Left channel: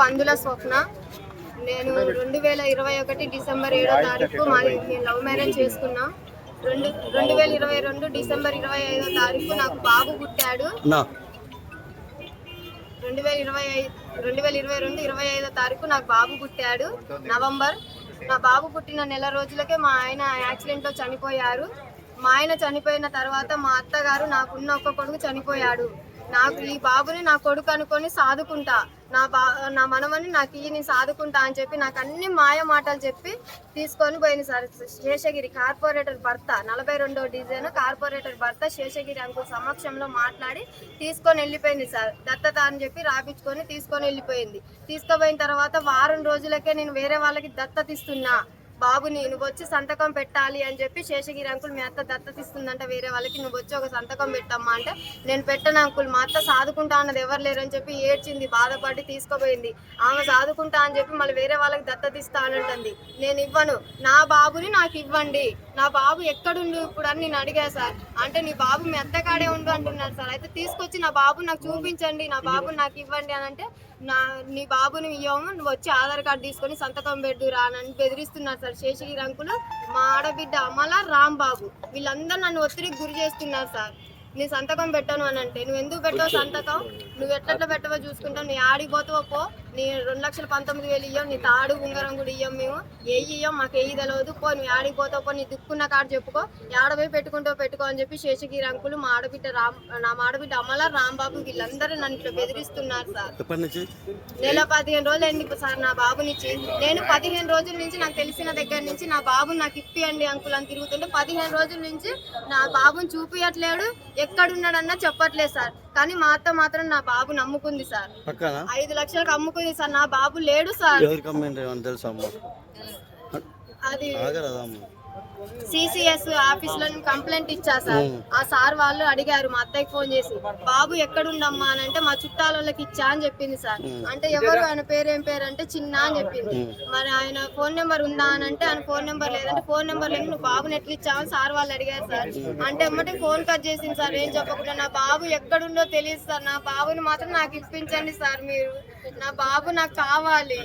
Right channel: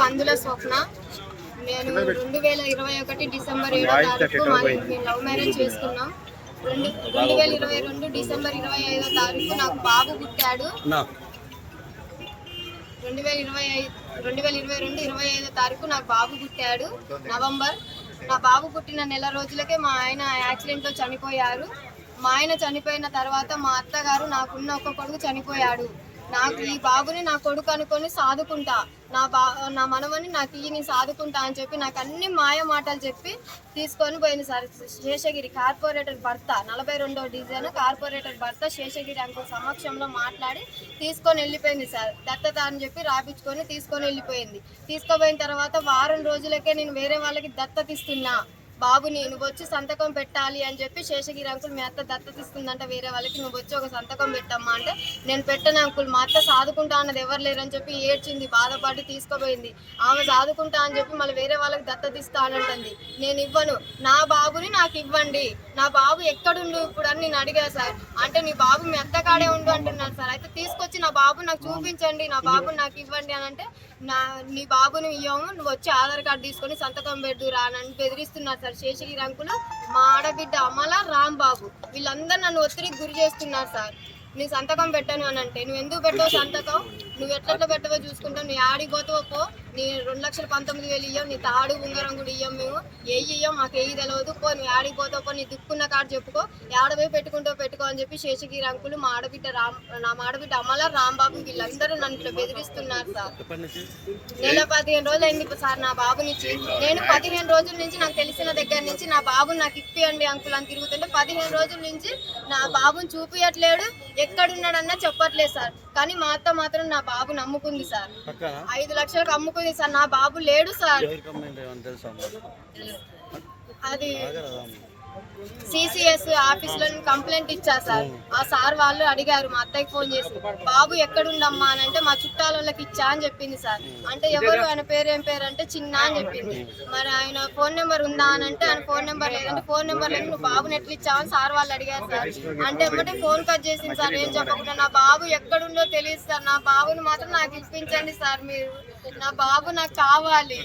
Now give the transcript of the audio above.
పందుల స్వప్న. నేను 2021 డిసెంబర్ 7వ తారీఖు మేము లవ్ మ్యారేజ్ చేసుకున్నాం. 2022 డిసెంబర్ 25వ తారీఖు నాకు బాబు పుట్టాడు. 2022 25వ తారీఖు నాకు బాబు పుట్టాడు నవంబర్. నా బాబు పుట్టిన నెల రోజులకే మా ఆయన యాక్సిడెంట్లో చనిపోయారు. మా ఆయన చనిపోయిన తర్వాత మా అత్తగారు నాకున్న ఒక కొడుకు చనిపోయాడు. నాకు ఈ బాబుని నా కొడుకు అనుకొని సాదుకుంటా, నా మనవని నాకు ఈయన సాదుకుంటా అని చెప్పి నాకు అన్ని మాయ మాటలు చెప్పి తీసుకొని పోయింది సార్. శేషగిరి కార్పొరేటర్ భర్త 42వ డివిజన్ కార్పొరేటర్ భర్త శేషగిరి అంకుల్ సమక్షంలో మాట్లాడి తీసుకొని వెళ్ళిపోయింది సార్. దత్తత అని చెప్పి రాపించుకొని తీసుకొని వెళ్ళిపోయింది. తీసుకుపోయిన తర్వాత వారం రోజులకే నేను వేరే వాళ్ళకి దత్తత ఇస్తున్నా, బాబుని నువ్వు వచ్చి సంతకం పెట్టాలి అని చెప్పి శేషగిరి అంకుల్ మీ అత్త దత్తతిస్తుందంటే వేరే వాళ్ళకి, నువ్వు వచ్చి ఒక సంతకం పెట్టమ్మా అంటే నేను పెట్టను అంకుల్, మా అత్త సాదుకుంటా అన్నది ఎవరు లేరని చెప్పి ఏడ్చింది, బాధపడి తీసుకుపోయింది. ఆమె సాదుకుంటా అని చెప్పి మళ్ళీ వేరే వాళ్ళకి దత్తతిస్తా అని అంటుంది. నేను ఇవ్వను, నా బాబుని నాకు ఇవ్వండి, నా బాబు ఎక్కడుండు ఇప్పుడు అని నేను అడిగా సార్. అంటే నీ బాబు మీ అత్త కాడే ఉండు అంటున్నారు సార్. అయితే తీసుకొచ్చి నా బాబు నాకు చూపించండి, నా బాబుని నాకు ఇవ్వండి అని అంటే నీ బాబుని ఇవ్వము, నువ్వు వచ్చి ఆధార్ కార్డు తీసుకొని సంతకం పెడుదురా అని బెదిరిస్తున్నారు సార్ శేషగిరి అంకులు, మా ఆడబిడ్డ అమల, రాంబాబు వీళ్ళందరూ నన్ను ఒత్తిడికి గురి చేస్తున్నారు సార్. నీ సంతకం పెట్టను అని అంటే నువ్వు ఎందుకు పెట్టావు సంతకం, నువ్వు ఎట్లా పెట్టవో చూసుకుంటావు, నీ ఆడికి పోతావో పో, నీ 2,19,000 ఇయ్యం, నీ తాడు ఉంగరం కూడా ఇయ్యం, మేము ఇయ్యం, మాకు తెలియదు పో, నువ్వు ఆడికి పోతావు పో, నీ దిక్కున్న కాడు చెప్పుకో, ఆడపోయి పెట్టుకుంటావు పెట్టుకో అని చెప్పి శేషగిరి అంకులు మా ఆడబిడ్డ అమల, రాంబాబు వీళ్ళందరూ నన్ను ఇట్లా బెదిరిస్తున్నారు సార్. నెల 15 రోజులు అయింది సార్ నా బాబునిచ్చి. నేను 15 రోజుల నుంచి నాకు తెలిసిన దగ్గర నుంచి నా బాబుని నాకు ఇప్పియండి అంకుల్ అని తిరుగుతుంటే 15 రోజుల నుంచి నా బాబుని చూపియట్లేడు, ఎక్కడున్నాడన్నా చెప్పట్లేదు సార్. కానీ మా అత్త మాత్రం నా బాబు నమ్ముకుంది సార్, 5 లక్షలకు అమ్ముకుంది సార్. నా బాబు లేడు సార్. అది సిసిఎస్ ఆఫీస్ లో కంప్లైంట్ ఇచ్చా సార్. ఆ సార్ వాళ్ళు అడిగారు మా అత్తయ్యకి ఫోన్ చేసి, బాబు ఎక్కడుండమ్మా అని అంటే మా చుట్టాలకి ఇచ్చా అని చెప్పింది సార్. అంటే ఎవరు, ఆయన పేరు ఏం పేరు అంటే చిన్న అని చెప్పింది. మరి ఆయన ఫోన్ నెంబర్ ఉందా అని అంటే ఆయన ఫోన్ నెంబర్ లేదంటే, ఫోన్ నెంబర్ లేదు నువ్వు బాబుని ఎట్లా ఇచ్చావని సార్ వాళ్ళు అడిగారు సార్. అంటే ఎమ్మటే ఫోన్ కట్ చేసింది సార్, ఏం చెప్పకుండా. నా బాబు ఎక్కడుందో తెలియదు సార్, నా బాబుని మాత్రం నాకు ఇప్పించండి సార్ మీరు, నా బాబు నాకు కావాలి.